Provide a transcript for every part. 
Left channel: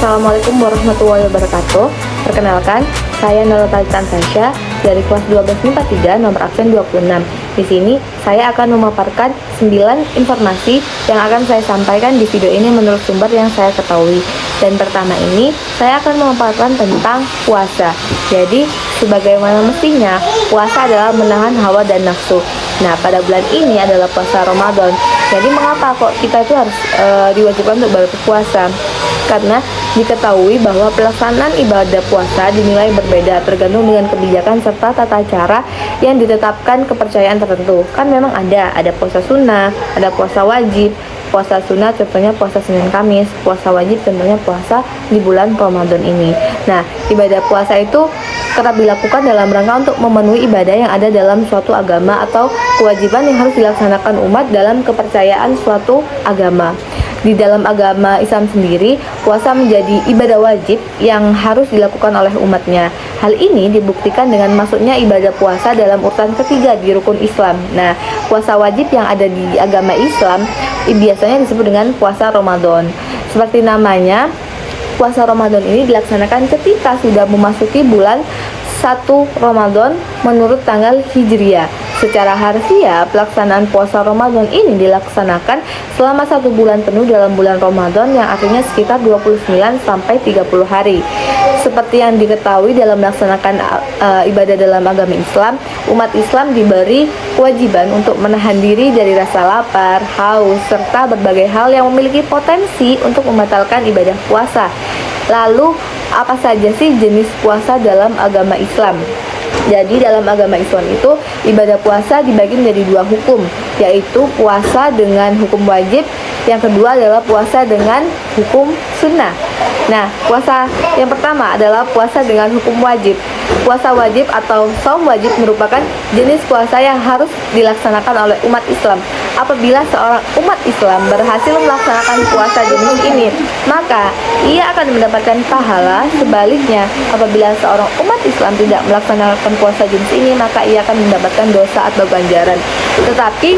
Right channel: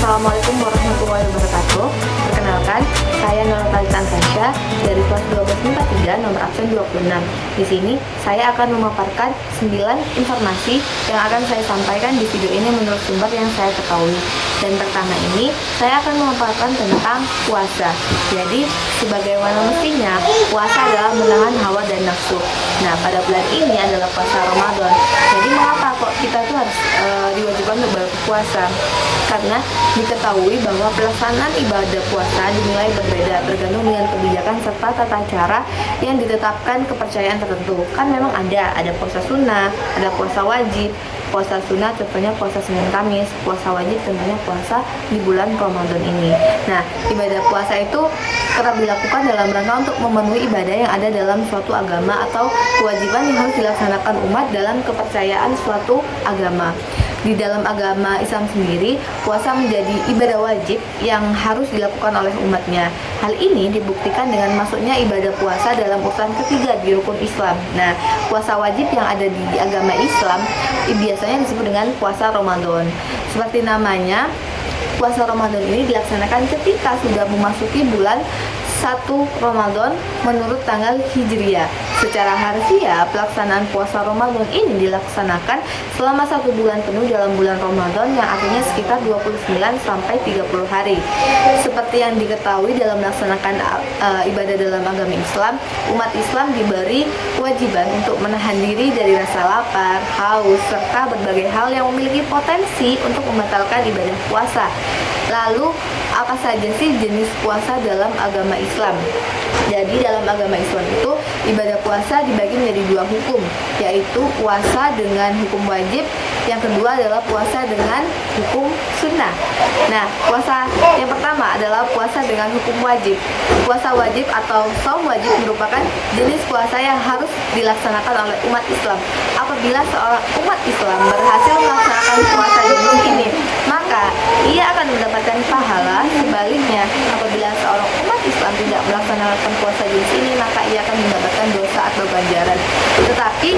Assalamualaikum warahmatullahi wabarakatuh. Perkenalkan, saya Nurul Talitan Tasya dari kelas 12 MIPA 3 nomor absen 26. Di sini saya akan memaparkan 9 informasi yang akan saya sampaikan di video ini menurut sumber yang saya ketahui. Dan pertama ini, saya akan memaparkan tentang puasa. Jadi, sebagaimana mestinya, puasa adalah menahan hawa dan nafsu. Nah, pada bulan ini adalah puasa Ramadan. Jadi, mengapa kok kita itu harus diwajibkan untuk berpuasa? Karena diketahui bahwa pelaksanaan ibadah puasa dinilai berbeda tergantung dengan kebijakan serta tata cara yang ditetapkan kepercayaan tertentu. Kan memang ada puasa sunnah, ada puasa wajib. Puasa sunnah contohnya puasa Senin Kamis, puasa wajib tentunya puasa di bulan Ramadan ini. Nah, ibadah puasa itu kerap dilakukan dalam rangka untuk memenuhi ibadah yang ada dalam suatu agama atau kewajiban yang harus dilaksanakan umat dalam kepercayaan suatu agama. Di dalam agama Islam sendiri, puasa menjadi ibadah wajib yang harus dilakukan oleh umatnya. Hal ini dibuktikan dengan masuknya ibadah puasa dalam urutan ketiga di rukun Islam. Nah, puasa wajib yang ada di agama Islam biasanya disebut dengan puasa Ramadan. Seperti namanya, puasa Ramadan ini dilaksanakan ketika sudah memasuki bulan 1 Ramadan menurut tanggal Hijriah. Secara harfiah, pelaksanaan puasa Ramadan ini dilaksanakan selama 1 bulan penuh dalam bulan Ramadan yang artinya sekitar 29 sampai 30 hari. Seperti yang diketahui dalam melaksanakan ibadah dalam agama Islam, umat Islam diberi kewajiban untuk menahan diri dari rasa lapar, haus, serta berbagai hal yang memiliki potensi untuk membatalkan ibadah puasa. Lalu, apa saja sih jenis puasa dalam agama Islam? Jadi dalam agama Islam itu ibadah puasa dibagi menjadi 2 hukum, yaitu puasa dengan hukum wajib, yang kedua adalah puasa dengan hukum sunnah. Nah, puasa yang pertama adalah puasa dengan hukum wajib. Puasa wajib atau shaum wajib merupakan jenis puasa yang harus dilaksanakan oleh umat Islam. Apabila seorang umat Islam berhasil melaksanakan puasa jenis ini, maka ia akan mendapatkan pahala. Sebaliknya, apabila seorang umat Islam tidak melaksanakan puasa jenis ini, maka ia akan mendapatkan dosa atau ganjaran. Tetapi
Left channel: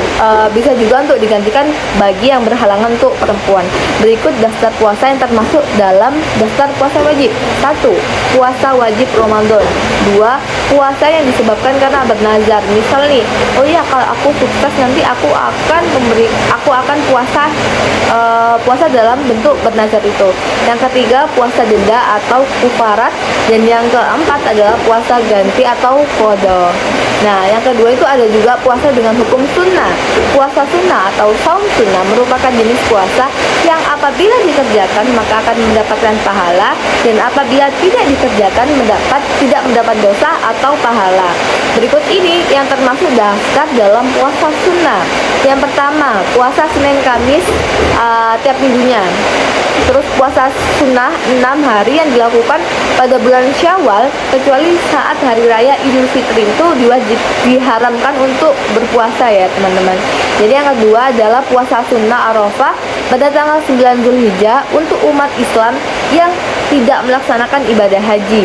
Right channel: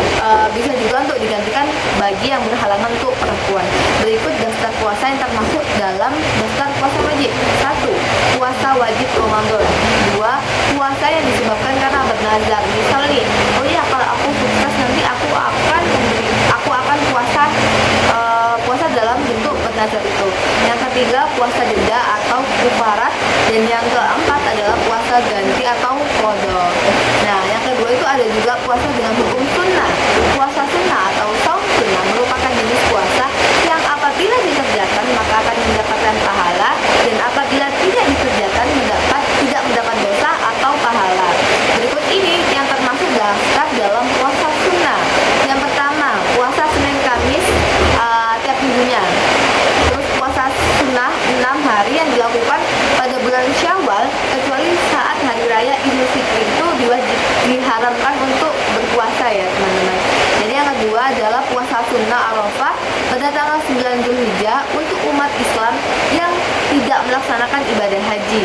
bisa juga untuk digantikan bagi yang berhalangan untuk perempuan. Berikut daftar puasa yang termasuk dalam daftar puasa wajib. 1. Puasa wajib Ramadan. 2. Puasa yang disebabkan karena bernazar. Misal nih, oh iya, kalau aku sukses nanti aku akan puasa dalam bentuk bernazar itu. Yang ketiga, puasa denda atau kufarat. Dan yang keempat adalah puasa ganti atau qada. Nah, yang kedua itu ada juga puasa dengan hukum sunnah. Puasa sunnah atau shaum sunnah merupakan jenis puasa yang apabila dikerjakan maka akan mendapatkan pahala, dan apabila tidak dikerjakan tidak mendapat dosa atau pahala. Berikut ini yang termasuk daftar dalam puasa sunnah. Yang pertama, puasa Senin Kamis tiap minggunya. Terus puasa sunnah 6 hari yang dilakukan pada bulan Syawal, kecuali saat hari raya Idul Fitri itu diharamkan untuk berpuasa ya teman-teman. Jadi yang kedua adalah puasa sunnah Arafah pada tanggal 9 Zulhijjah untuk umat Islam yang tidak melaksanakan ibadah haji.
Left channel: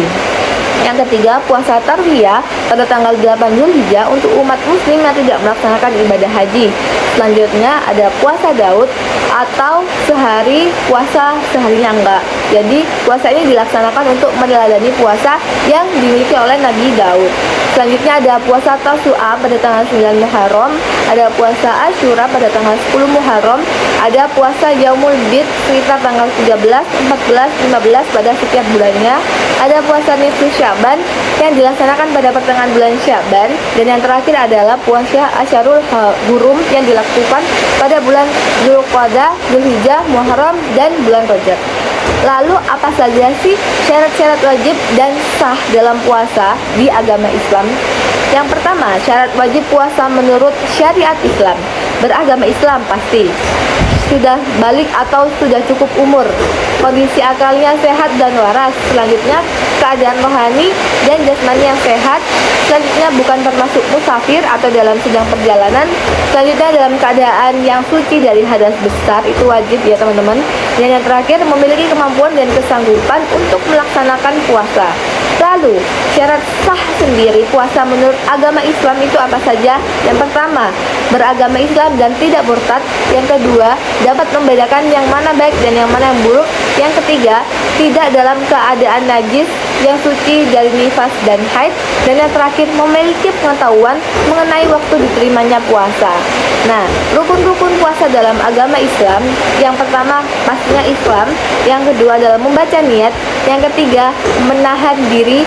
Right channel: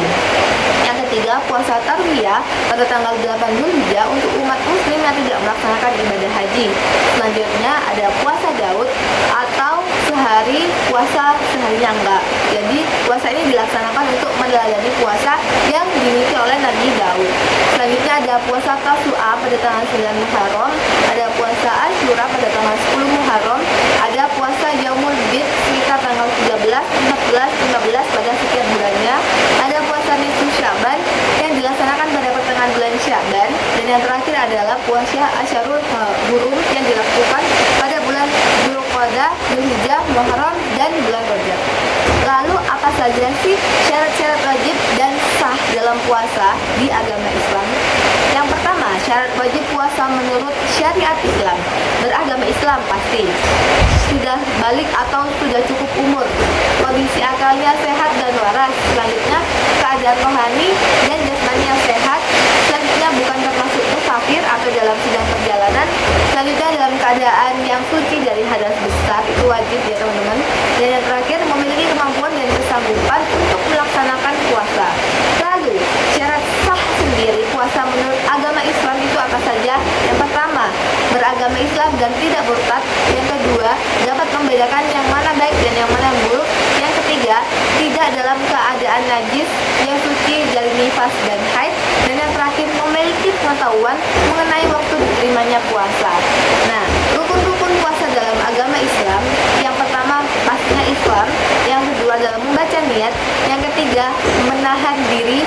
Yang ketiga, puasa tarwiyah pada tanggal 8 Zulhijjah untuk umat muslim yang tidak melaksanakan ibadah haji. Selanjutnya ada puasa Daud atau sehari puasa seharinya enggak. Jadi puasa ini dilaksanakan untuk meneladani puasa yang dimiliki oleh Nabi Daud. Selanjutnya ada puasa Tasu'a pada tanggal 9 Muharram, ada puasa Asyura pada tanggal 10 Muharram, ada puasa Yaumul Bid sekitar tanggal 13, 14, 15 pada setiap bulannya, ada puasa Nisfu Sya'ban yang dilaksanakan pada pertengahan bulan Sya'ban, dan yang terakhir adalah puasa Asyarul Hurum yang dilakukan pada bulan Zulqa'dah, Zulhijjah, Muharram, dan bulan Rajab. Lalu apa saja sih syarat-syarat wajib dan sah dalam puasa di agama Islam? Yang pertama, syarat wajib puasa menurut syariat Islam. Beragama Islam pasti. Sudah balik atau sudah cukup umur, kondisi akalnya sehat dan waras. Selanjutnya, keadaan rohani dan jasmani yang sehat. Selanjutnya, bukan termasuk musafir atau dalam sedang perjalanan. Selanjutnya, dalam keadaan yang suci dari hadas besar, itu wajib ya teman-teman. Dan yang terakhir, memiliki kemampuan dan kesanggupan untuk melaksanakan puasa. Lalu, syarat sah sendiri puasa menurut agama Islam itu apa saja? Yang pertama, beragama Islam dan tidak murtad. Yang kedua, dapat membedakan yang mana baik dan yang mana yang buruk. Yang ketiga, tidak dalam keadaan najis, yang suci dari nifas dan haid. Dan yang terakhir, memiliki pengetahuan mengenai waktu diterimanya puasa. Nah, rukun-rukun puasa dalam agama Islam, yang pertama pastinya Islam, yang kedua adalah membaca niat, yang ketiga menahan diri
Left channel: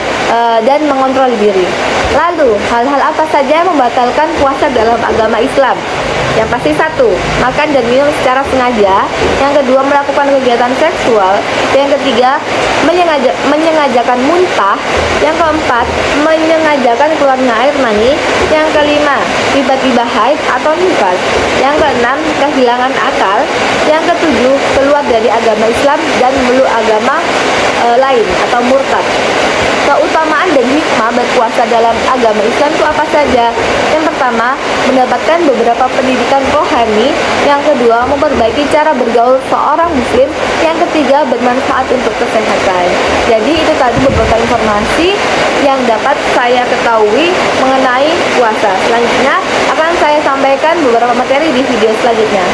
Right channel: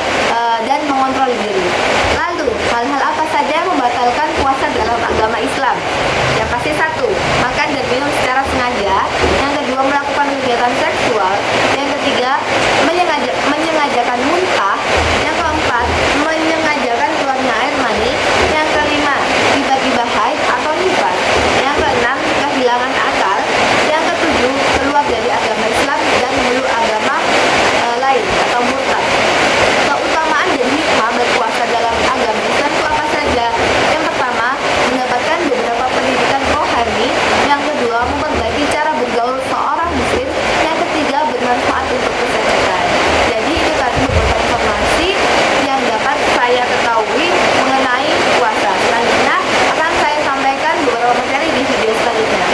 dan mengontrol diri. Lalu, hal-hal apa saja yang membatalkan puasa dalam agama Islam? Yang pasti satu, makan dan minum secara sengaja. Yang kedua, melakukan kegiatan seksual. Yang ketiga, menyengajakan muntah. Yang keempat, menyengajakan keluarnya air mani. Yang kelima, tiba-tiba haid atau nifas. Yang keenam, kehilangan akal. Yang ketujuh, keluar dari agama Islam dan memeluk agama lain atau murtad. Keutamaan dan hikmah berpuasa dalam agama Islam itu apa saja? Yang pertama, mendapatkan beberapa pendidikan rohani. Yang kedua, memperbaiki cara bergaul seorang muslim. Yang ketiga, bermanfaat untuk kesehatan. Jadi itu tadi beberapa informasi yang dapat saya ketahui mengenai puasa. Selanjutnya akan saya sampaikan beberapa materi di video selanjutnya.